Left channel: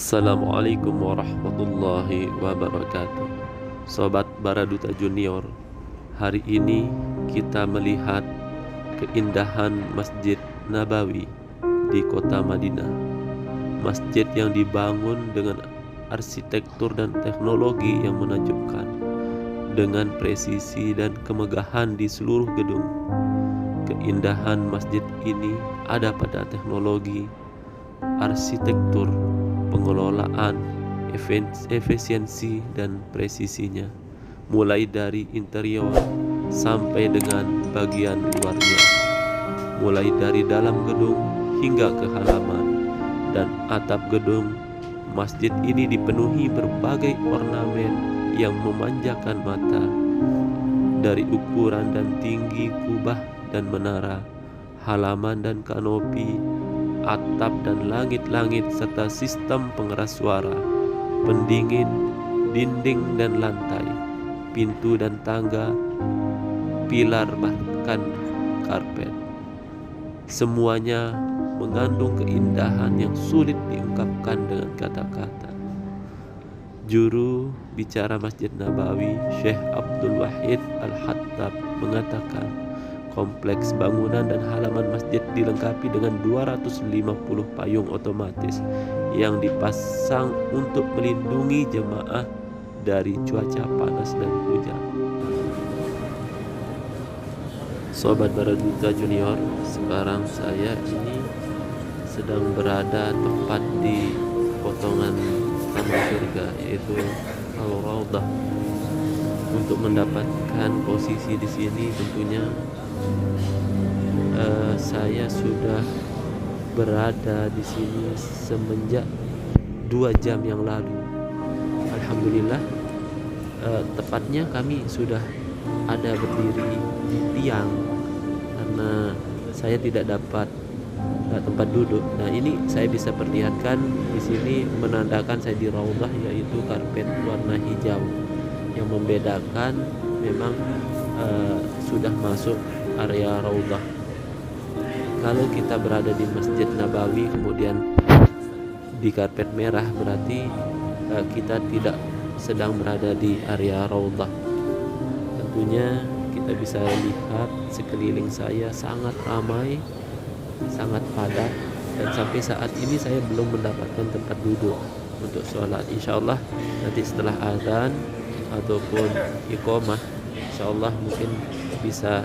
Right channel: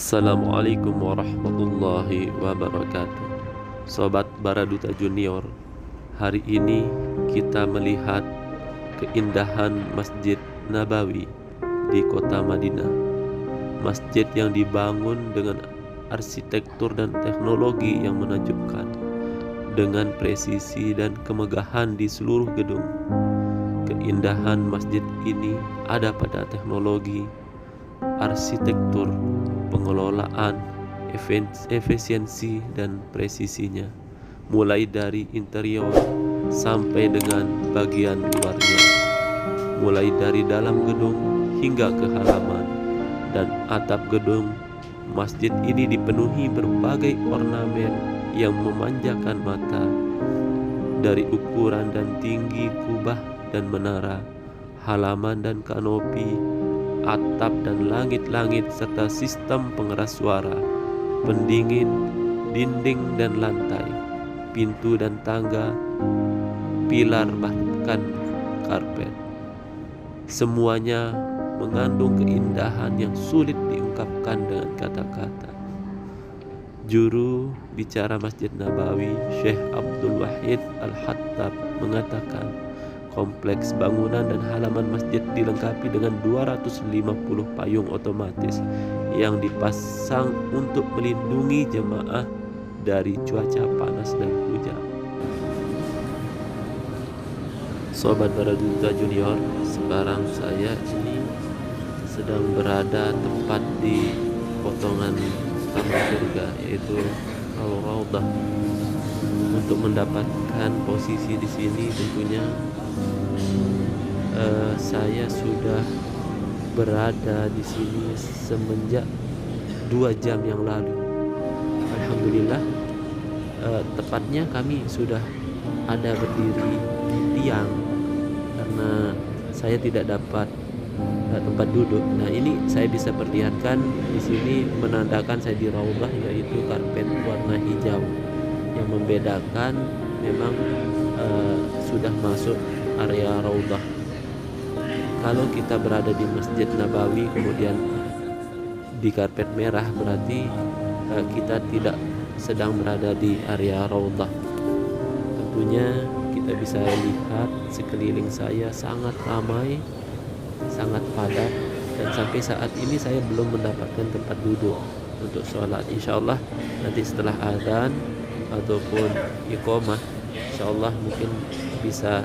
Assalamualaikum warahmatullahi wabarakatuh. Sobat Baraduta Junior, hari ini kita melihat keindahan Masjid Nabawi di kota Madinah. Masjid yang dibangun dengan arsitektur dan teknologi yang menakjubkan, dengan presisi dan kemegahan di seluruh gedung. Keindahan masjid ini ada pada teknologi, arsitektur, pengelolaan, efisiensi dan presisinya, mulai dari interior sampai dengan bagian luarnya, mulai dari dalam gedung hingga ke halaman dan atap gedung. Masjid ini dipenuhi berbagai ornamen yang memanjakan mata, dari ukuran dan tinggi kubah dan menara, halaman dan kanopi, atap dan langit-langit, serta sistem pengeras suara, pendingin, dinding dan lantai, pintu dan tangga, pilar bahkan karpet. Semuanya mengandung keindahan yang sulit diungkapkan dengan kata-kata. Juru bicara Masjid Nabawi, Syekh Abdul Wahid Al-Hattab, mengatakan kompleks bangunan dan halaman masjid dilengkapi dengan 250 payung otomatis yang dipasang untuk melindungi jemaah dari cuaca panas dan hujan. Sobat Baraduta Junior, sekarang saya ini sedang berada tepat di potongan taman surga, yaitu Al-Raudhah. Untuk mendapatkan posisi di sini tentunya saya sudah berada di sini semenjak 2 jam yang lalu. Alhamdulillah, tepatnya kami sudah ada berdiri di tiang karena saya tidak dapat tempat duduk. Nah, ini saya bisa perlihatkan di sini menandakan saya di Raudhah, yaitu karpet warna hijau yang membedakan memang sudah masuk area Raudhah. Kalau kita berada di Masjid Nabawi kemudian di karpet merah, berarti kita tidak sedang berada di area Raudhah. Tentunya kita bisa lihat sekeliling saya sangat ramai, sangat padat, dan sampai saat ini saya belum mendapatkan tempat duduk untuk sholat. Insyaallah nanti setelah azan ataupun iqamah, insyaallah mungkin bisa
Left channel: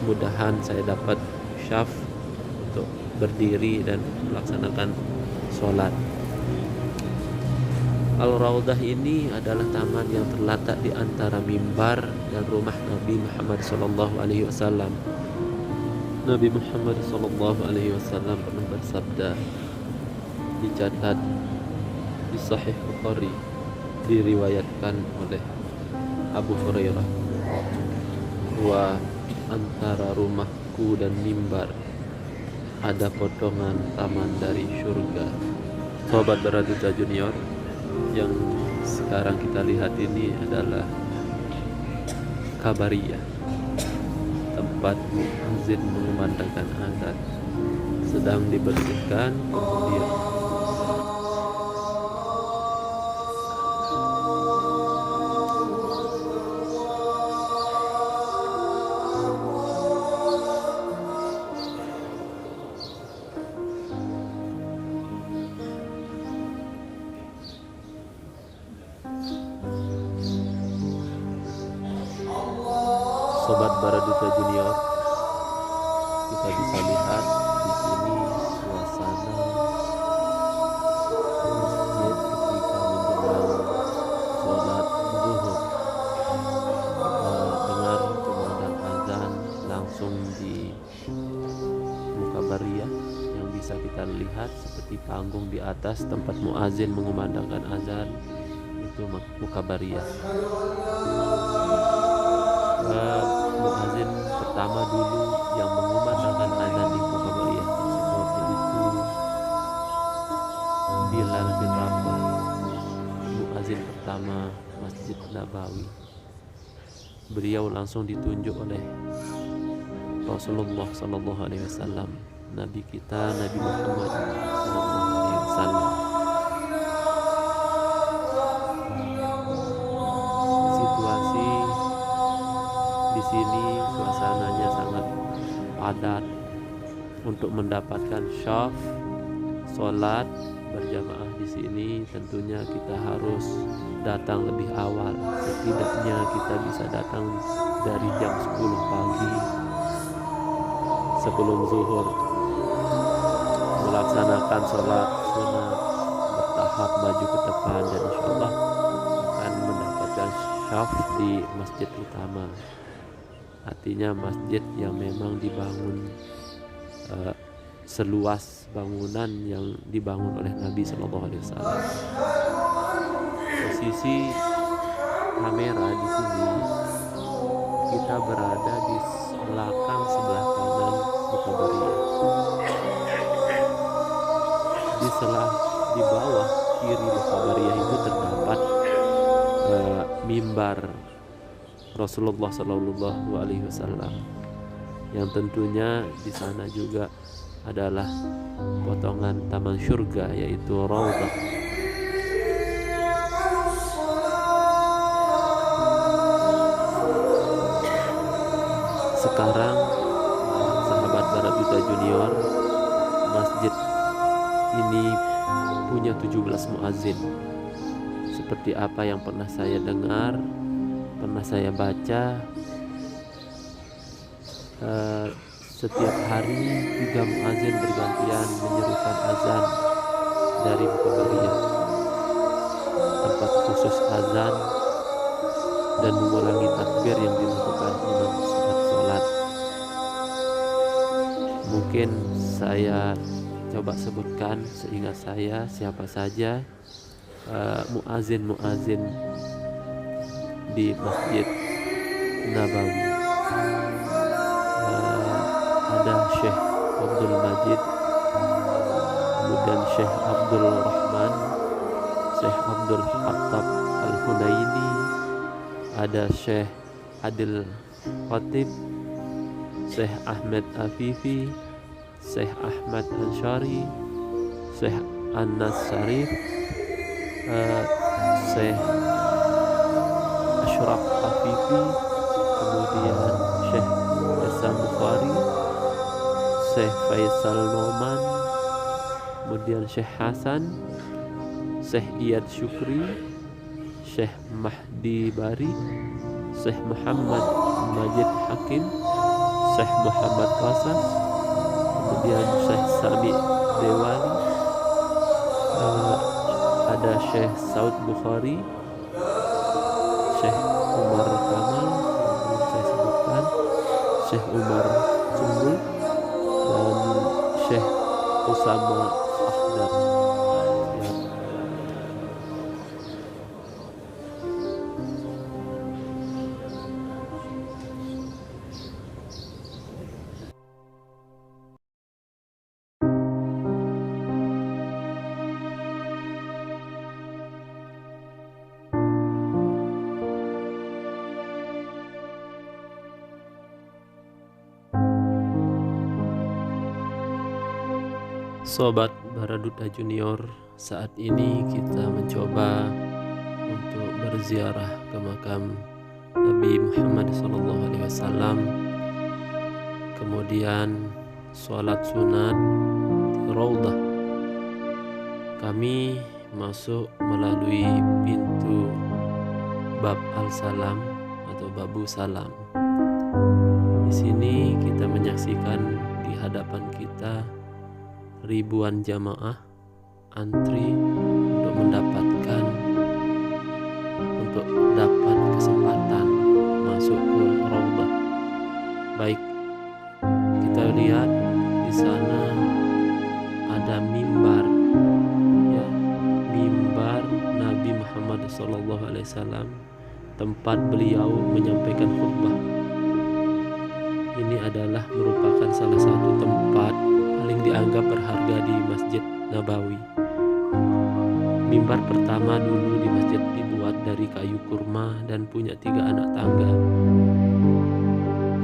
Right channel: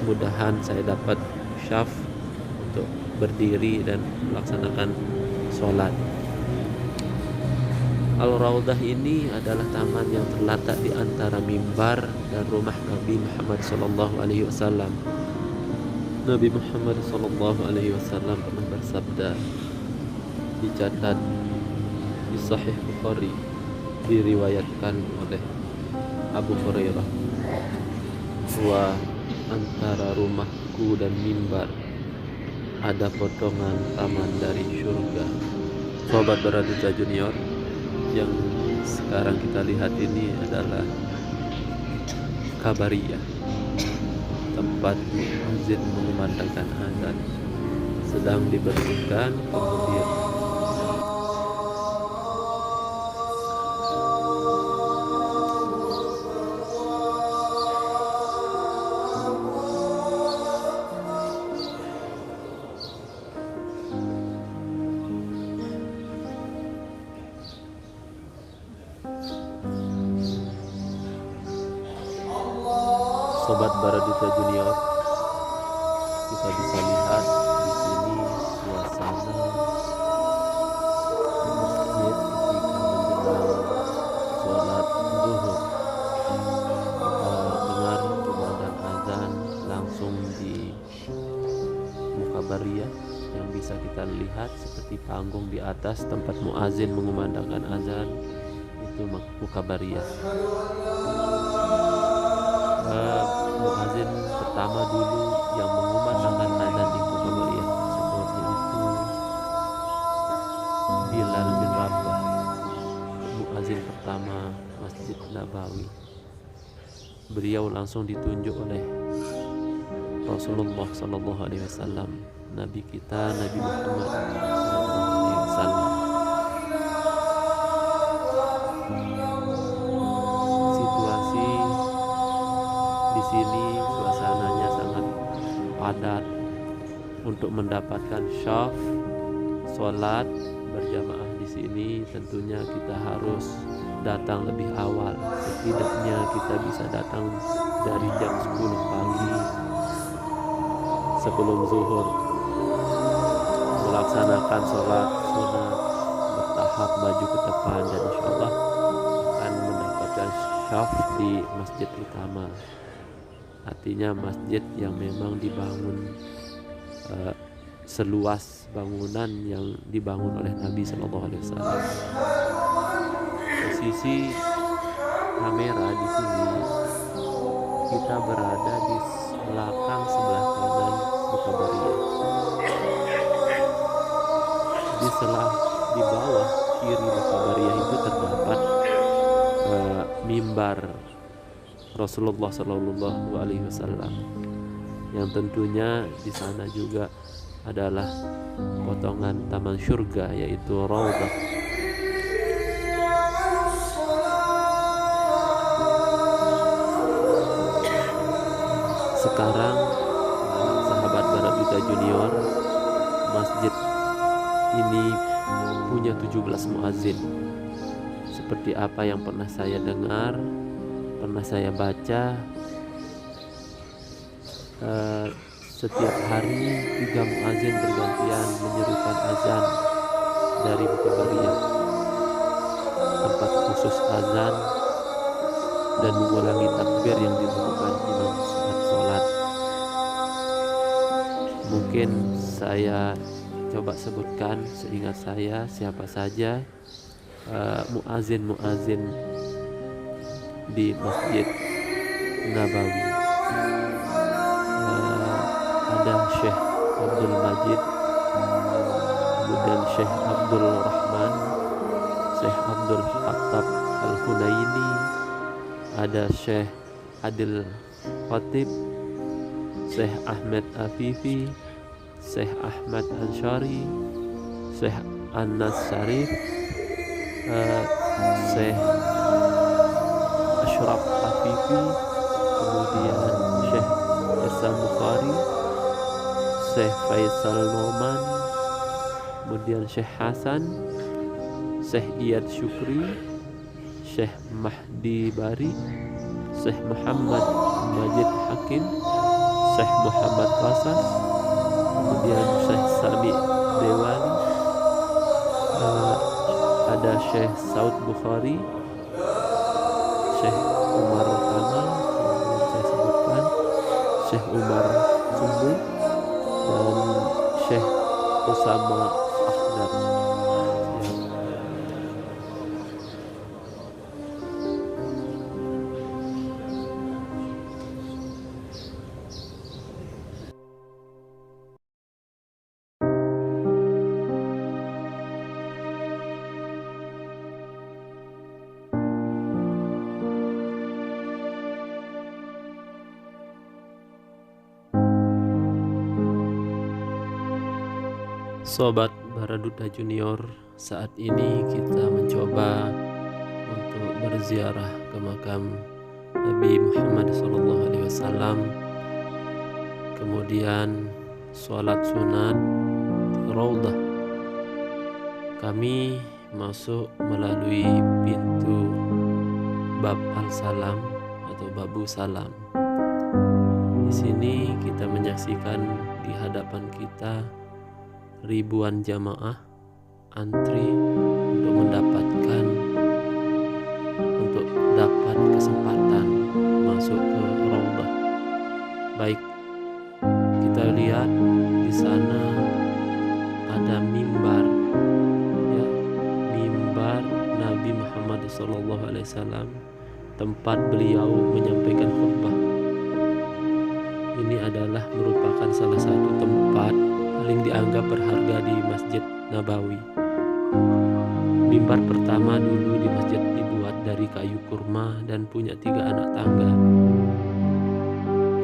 mudahan saya dapat syaf untuk berdiri dan melaksanakan sholat. Al-Raudhah ini adalah taman yang terletak di antara mimbar dan rumah Nabi Muhammad SAW. Nabi Muhammad SAW pernah bersabda, dicatat di Sahih Bukhari, diriwayatkan oleh Abu Hurairah, bahwa antara rumahku dan mimbar ada potongan taman dari surga. Sobat Baraduta Junior, yang sekarang kita lihat ini adalah Kabariyah, tempat muadzin mengumandangkan azan sedang dibersihkan. Kemudian Sobat Baraduta Junior, kita bisa lihat di sini suasana masjid ketika menjelang sholat zuhur. Kita dengar kumandang azan langsung di Mukabariyah yang bisa kita lihat seperti panggung di atas tempat muazin mengumandangkan azan, itu Mukabariyah. Muazin pertama dulu yang mengumandangkan azan di Mukabariyah tersebut yaitu Bilal bin Rabah, muazin pertama Masjid Nabawi. Beliau langsung ditunjuk oleh Rasulullah SAW, Nabi kita, Nabi Muhammad SAW, Wasallam. Situasi di sini suasananya sangat padat. Untuk mendapatkan syaf sholat berjamaah di sini tentunya kita harus datang lebih awal. Setidaknya kita bisa datang dari jam 10 pagi sebelum zuhur, melaksanakan sholat sunat bertahap maju ke depan, dan insya Allah akan mendapatkan syaf di masjid utama. Artinya masjid yang memang dibangun seluas bangunan yang dibangun oleh Nabi Shallallahu Alaihi Wasallam. Posisi kamera di sini, kita berada di belakang sebelah kanan Mukabariyah. Di bawah kiri Mukabariyah itu terdapat mimbar Rasulullah Shallallahu Alaihi Wasallam, yang tentunya di sana juga adalah potongan taman surga, yaitu Raudhah. Sekarang sahabat Baraduta Junior, masjid ini punya 17 muazin. Seperti apa yang pernah saya dengar, pernah saya baca, setiap hari 3 muazin bergantian menyerukan azan dari Mukabariyah, tempat khusus azan dan mengulangi takbir yang dilakukan imam saat sholat. Mungkin saya coba sebutkan seingat saya siapa saja muazin di Masjid Nabawi. Ada Syekh Abdul Majid, kemudian Syekh Abdul Rahman, Syekh Abdul Khattab Al-Hunaini, ada Syekh Adil Khatib, Syekh Ahmed Afifi, Syekh Ahmad Ansyari, Syekh Anas Syarif, Syekh Ashraf Afifi, kemudian Syekh Hasan Bukhari, Syekh Faisal Noman, kemudian Syekh Hasan, Syekh Iyad Syukri, Syekh Mahdi Bari, Syekh Muhammad Majid Hakim, Syekh Muhammad Qasas, kemudian Syekh Sami Dewali, ada Syekh Saud Bukhari, Syekh Umar Kamal yang belum saya sebutkan, Syekh Umar Sumbul, dan Syekh Usama Akhdar. Ya. Sobat Baraduta Junior, saat ini kita mencoba untuk berziarah ke makam Nabi Muhammad SAW, kemudian sholat sunat di Raudhah. Kami masuk melalui pintu Bab Al-Salam atau Babu Salam. Di sini kita menyaksikan di hadapan kita ribuan jamaah antri untuk dapat kesempatan masuk ke Raudhah. Baik, kita lihat di sana ada mimbar, ya, mimbar Nabi Muhammad SAW, tempat beliau menyampaikan khutbah. Ini adalah merupakan salah satu tempat paling dianggap berharga di Masjid Nabawi. Mimbar pertama dulu di masjid dibuat dari kayu kurma dan punya 3 anak tangga.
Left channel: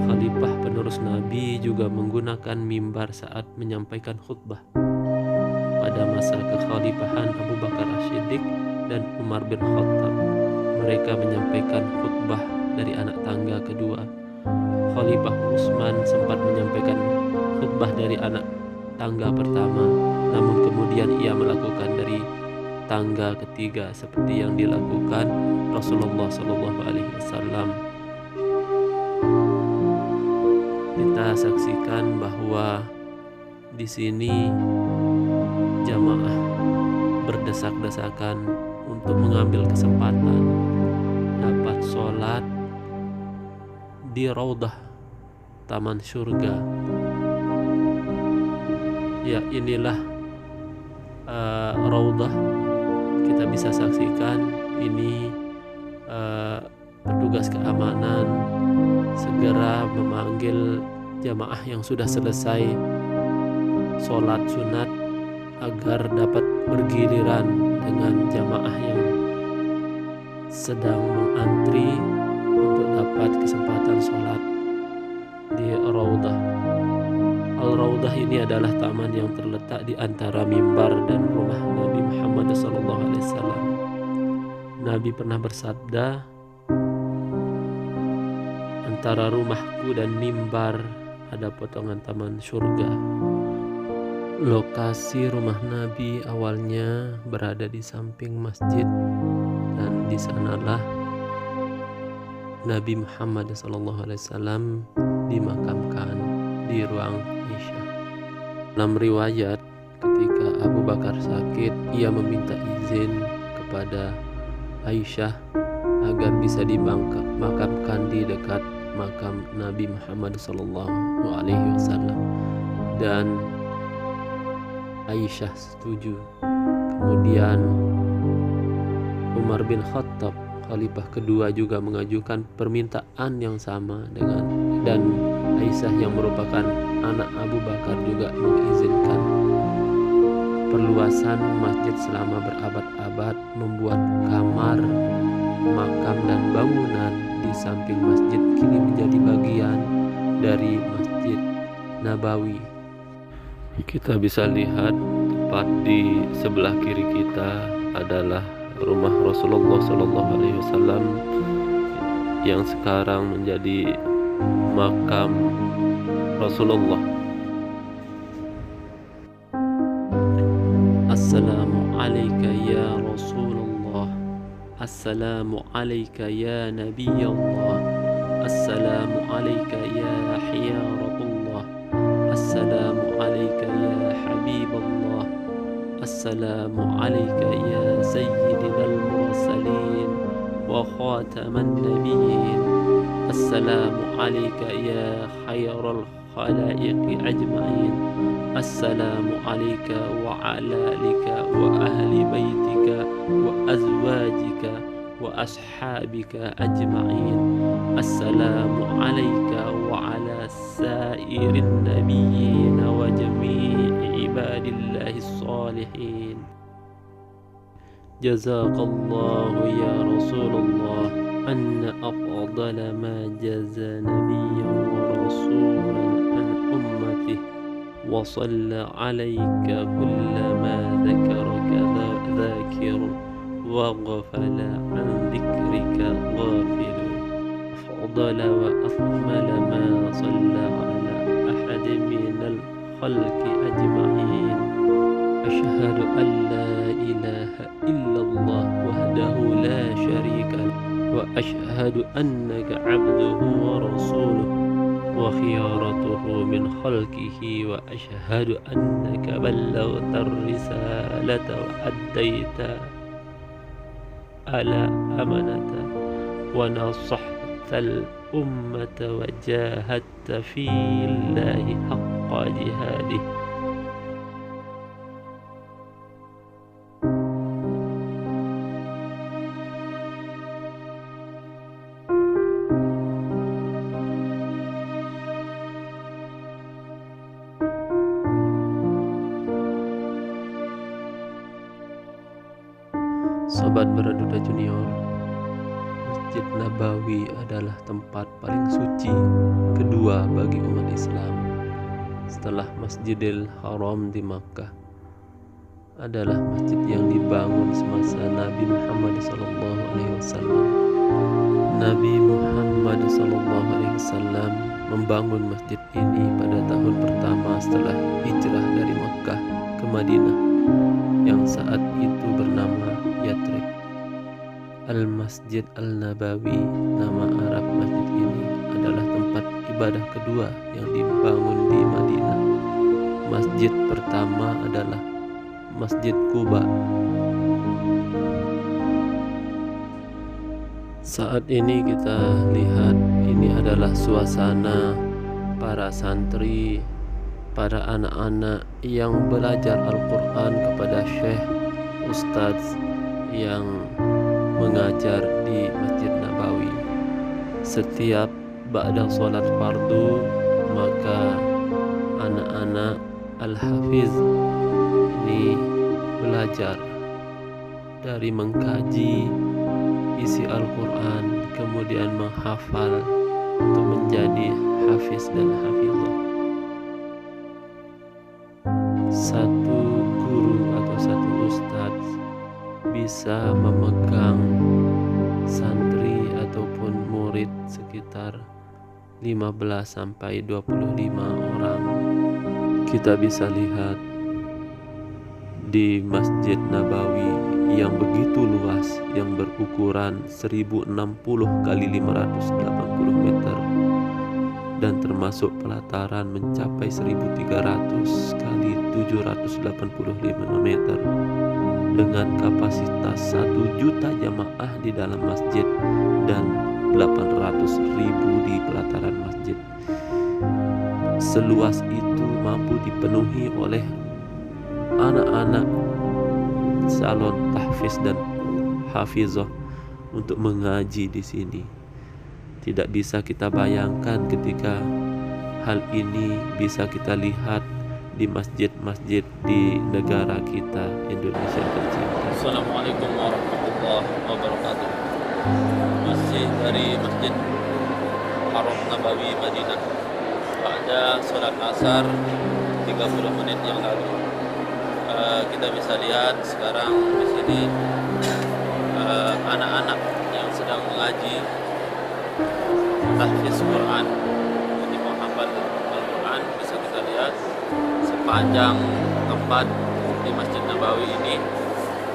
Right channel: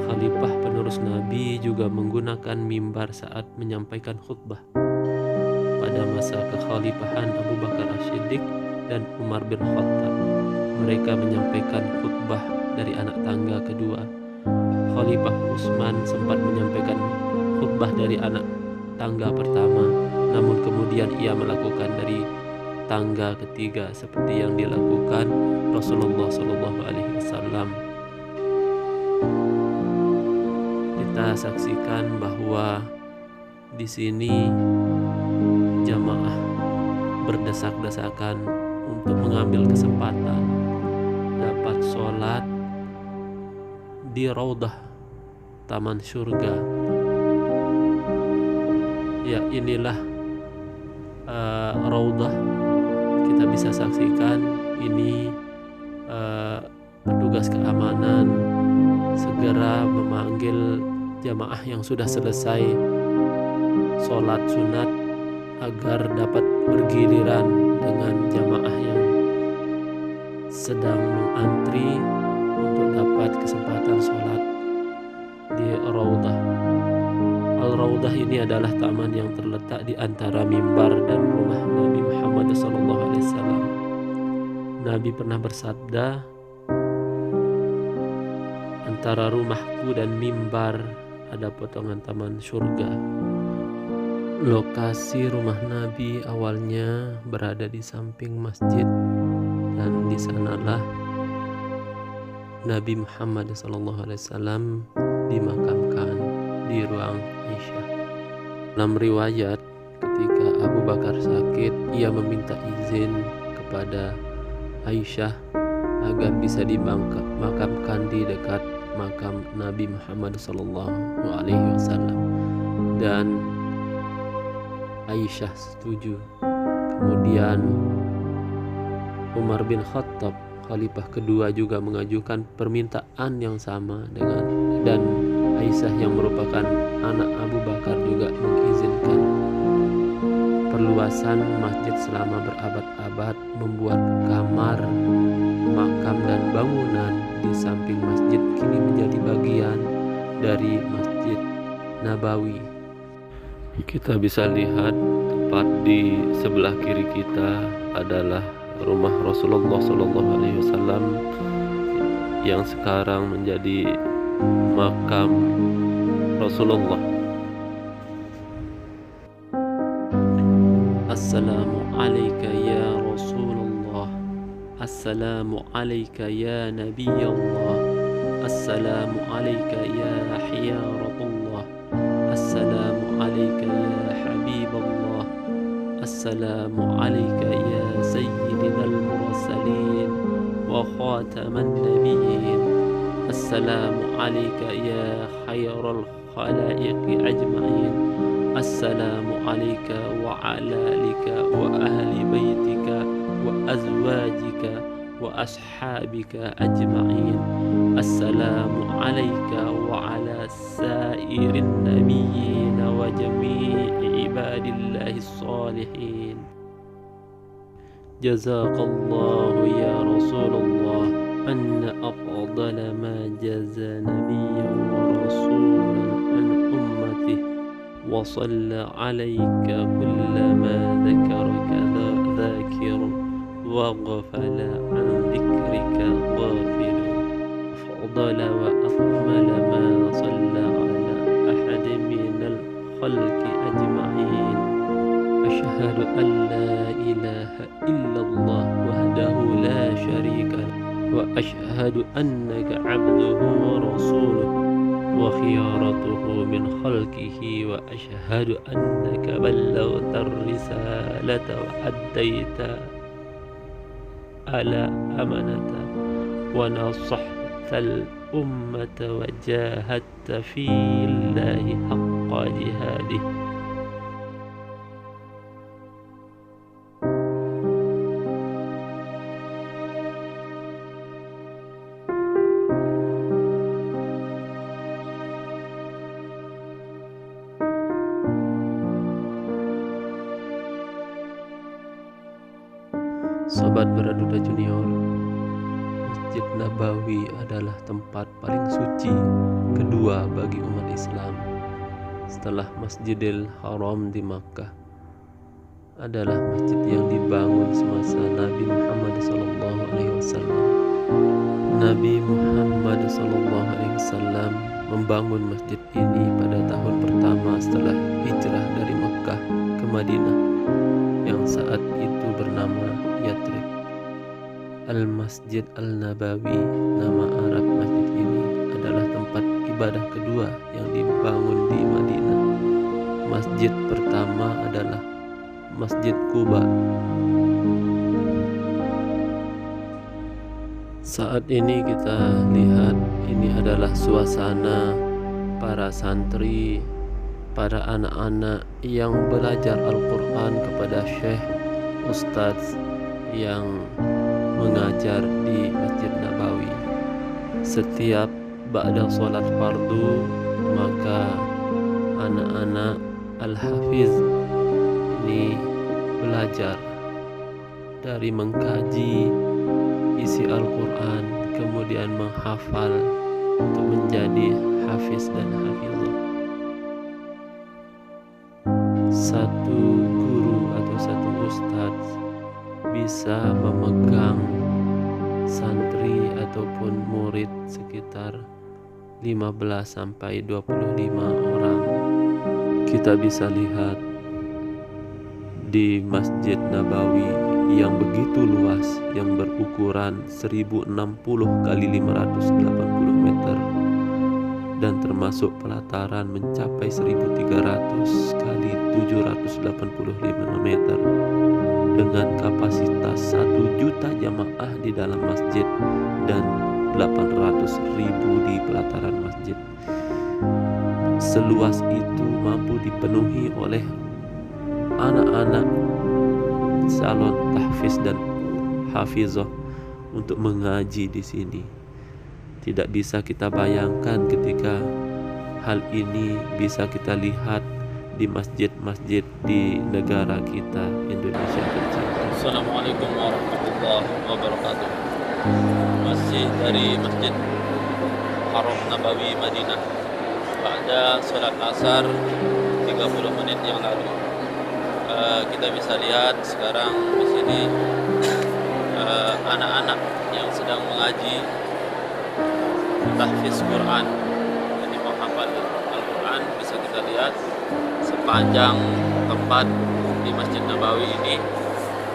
Khalifah penerus Nabi juga menggunakan mimbar saat menyampaikan khutbah. Pada pada masa kekhalifahan Abu Bakar As-Siddiq dan Umar bin Khattab. Mereka menyampaikan khutbah dari anak tangga kedua. Khalifah Utsman sempat menyampaikan khutbah dari anak tangga pertama, namun kemudian ia melakukan dari tangga ketiga seperti yang dilakukan Rasulullah SAW. Kita saksikan bahwa di sini jamaah berdesak-desakan untuk mengambil kesempatan dapat sholat di Raudah Taman Surga. Ya, inilah Raudah. Kita bisa saksikan ini petugas keamanan segera memanggil jamaah yang sudah selesai sholat sunat agar dapat bergiliran dengan jamaah yang sedang mengantri untuk dapat kesempatan sholat di Raudah. Al-Raudah ini adalah taman yang terletak di antara mimbar dan rumah Nabi Muhammad SAW. Nabi pernah bersabda, antara rumahku dan mimbar ada potongan taman surga. Lokasi rumah Nabi awalnya berada di samping masjid, dan di sanalah Nabi Muhammad SAW dimakamkan di ruang Aisyah. Dalam riwayat, ketika Abu Bakar sakit, ia meminta izin kepada Aisyah agar bisa dimakamkan di dekat makam Nabi Muhammad SAW, dan Aisyah setuju. Kemudian Umar bin Khattab, khalifah kedua, juga mengajukan permintaan yang sama dan Aisyah yang merupakan anak Abu Bakar juga mengizinkan perluasan masjid selama berabad-abad, membuat kamar, makam dan bangunan di samping masjid kini menjadi bagian dari Masjid Nabawi. Kita bisa lihat tepat di sebelah kiri kita adalah rumah Rasulullah SAW yang sekarang menjadi makam Rasulullah. Assalamu alayka ya Rasulullah, assalamu alayka ya Nabiyallah, assalamu alayka ya Hiyaratullah, assalamu alayka ya Habiballah, assalamu alayka ya Sayyidina al-Mursalin wa khataman nabiyyin, assalamu alayka ya khairal khalaiqi ajma'in, assalamu alayka wa ala alika wa ahli baitika wa azwajika wa ashabika ajma'in, assalamu alayka wa ala sairin nabiyyin wa jami'i ibadillahi salihin. Jazakallahu ya Rasulullah anna afdala ma jaza nabiyyan wa rasulan an ummatihi wa salla alayka kullama dhakaraka dhakirun wa ghafala an dhikrika ghafilun. Afdala wa akmala ma salla ala ahadin minal khalqi ajma'in. Ashhadu an la ilaha illallah wahdahu la sharika lahu wa ashhadu annaka abduhu wa rasuluhu wa khiyaratuhu min khalqihi wa ashhadu annaka ballaghta ar-risalata wa addaita ala amanata wa nasahta al-ummata wa jahadta fillahi haqqa jihadih. Sobat Baraduda Junior, Masjid Nabawi adalah tempat paling suci kedua bagi umat Islam setelah Masjidil Haram di Makkah. adalah masjid yang dibangun semasa Nabi Muhammad SAW. Nabi Muhammad SAW membangun masjid ini pada tahun pertama setelah hijrah dari Mekkah ke Madinah, yang saat itu bernama Yathrib. Al-Masjid Al-Nabawi, nama Arab masjid ini, adalah tempat ibadah kedua yang dibangun di Madinah. Masjid pertama adalah Masjid Quba. Saat ini kita lihat ini adalah suasana para santri, para anak-anak yang belajar Al-Quran kepada Syekh Ustadz yang mengajar di Masjid Nabawi. Setiap ba'da sholat fardu, maka anak-anak Al-Hafiz ini belajar dari mengkaji isi Al-Quran, kemudian menghafal untuk menjadi hafiz dan hafizah. Satu guru atau satu ustadz bisa memegang santri ataupun murid sekitar 15 sampai 25 orang. Kita bisa lihat di Masjid Nabawi yang begitu luas, yang berukuran 1060 kali 580 meter dan termasuk pelataran mencapai 1300 kali 785 meter dengan kapasitas 1 juta jamaah di dalam masjid dan 800.000 di pelataran masjid. Seluas itu mampu dipenuhi oleh anak-anak calon tahfiz dan hafizah untuk mengaji di sini. Tidak bisa kita bayangkan ketika hal ini bisa kita lihat di masjid-masjid di negara kita, Indonesia tercinta. Assalamualaikum warahmatullahi wabarakatuh. Masih dari Masjid Haram Nabawi Madinah. Pada sholat asar 30 menit yang lalu, kita bisa lihat sekarang di sini anak-anak yang sedang mengaji tahfiz Quran, menghafal Al-Quran. Bisa kita lihat sepanjang tempat di Masjid Nabawi ini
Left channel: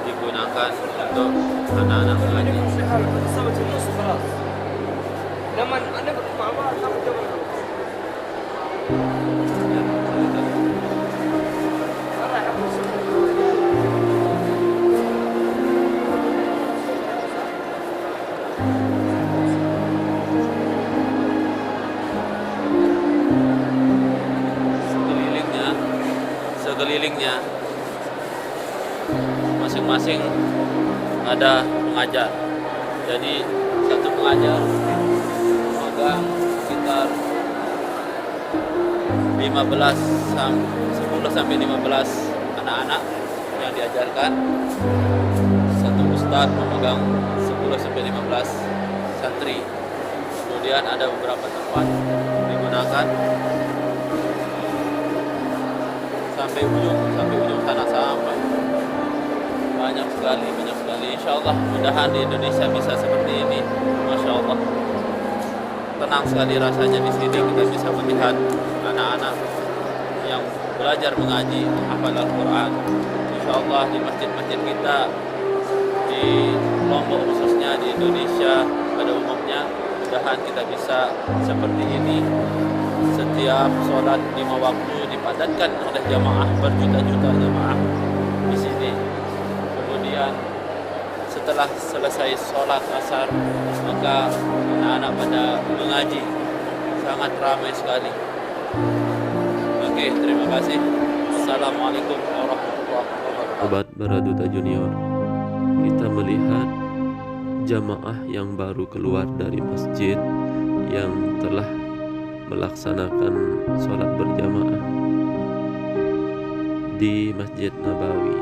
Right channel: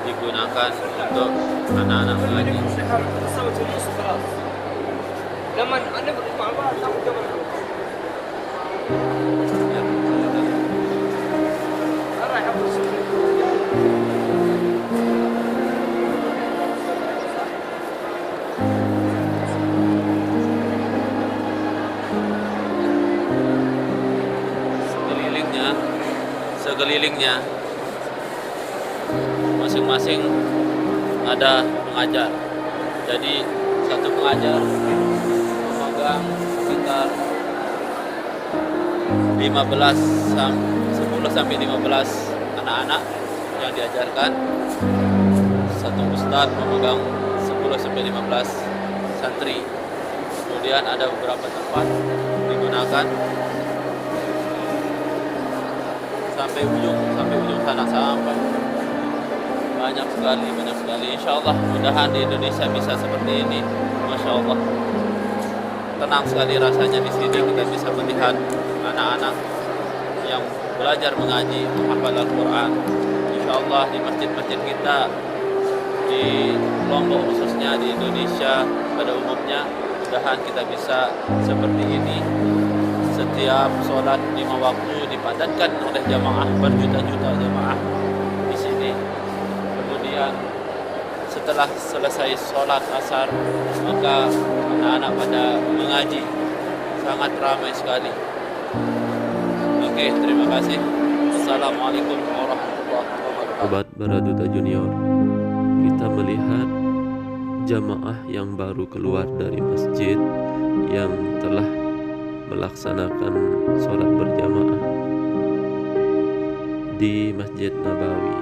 digunakan untuk anak-anak mengaji. Sekelilingnya masing-masing ada pengajar. Jadi satu pengajar memegang sekitar 10 sampai 15 anak-anak yang diajarkan. Satu ustadz memegang 10 sampai 15 santri. Kemudian ada beberapa tempat digunakan sampai ujung sana, sampai banyak sekali. Insyaallah mudahan di Indonesia bisa seperti ini. Masya Allah, tenang sekali rasanya di sini. Kita bisa melihat anak-anak yang belajar mengaji, menghafal Al-Quran. Insyaallah di masjid-masjid kita di Lombok khususnya, di Indonesia pada umumnya, mudahan kita bisa seperti ini. Setiap sholat 5 waktu dipadatkan oleh jamaah, berjuta-juta jamaah di sini. Kemudian setelah selesai sholat asar, maka anak-anak pada mengaji, sangat ramai sekali. Oke, terima kasih. Assalamualaikum warahmatullahi wabarakatuh. Sobat Baraduta Junior, kita melihat jamaah yang baru keluar dari masjid yang telah melaksanakan sholat berjamaah di Masjid Nabawi.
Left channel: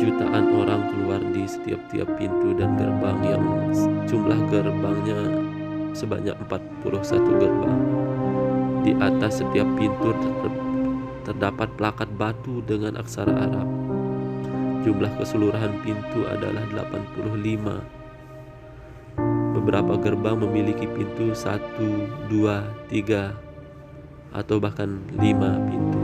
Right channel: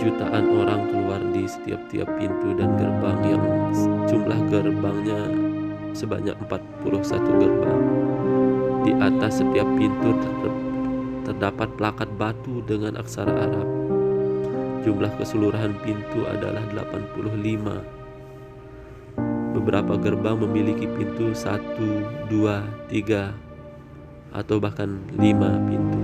Jutaan orang keluar di setiap pintu dan gerbang yang jumlah gerbangnya sebanyak 41 gerbang. Di atas setiap pintu terdapat plakat batu dengan aksara Arab. Jumlah keseluruhan pintu adalah 85. Beberapa gerbang memiliki pintu 1, 2, 3, atau bahkan 5 pintu.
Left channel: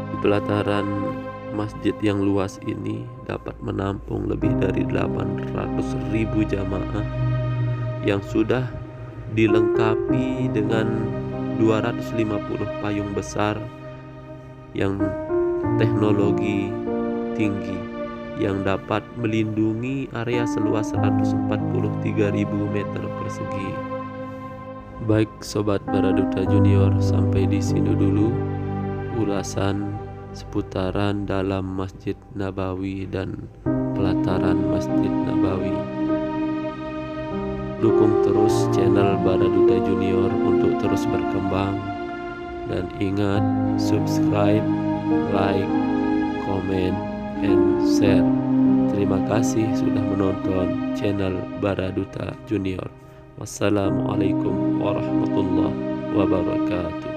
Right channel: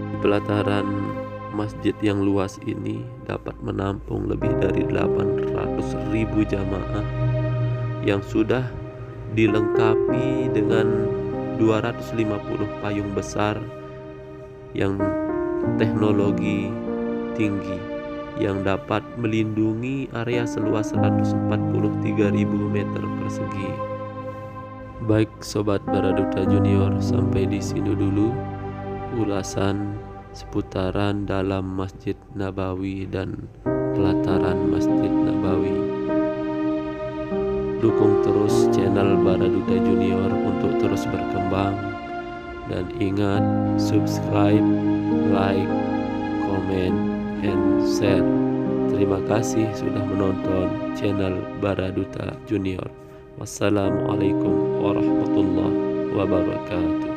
Di pelataran masjid yang luas ini dapat menampung lebih dari 800.000 jamaah yang sudah dilengkapi dengan 250 payung besar yang teknologi tinggi yang dapat melindungi area seluas 143.000 meter persegi. Baik Sobat Baraduta Junior, sampai di sini dulu ulasan seputaran dalam Masjid Nabawi dan pelataran Masjid Nabawi. Dukung terus channel Baraduta Junior untuk terus berkembang, dan ingat subscribe, like, comment, and share. Terima kasih sudah menonton channel Baraduta Junior. Wassalamualaikum warahmatullahi wabarakatuh.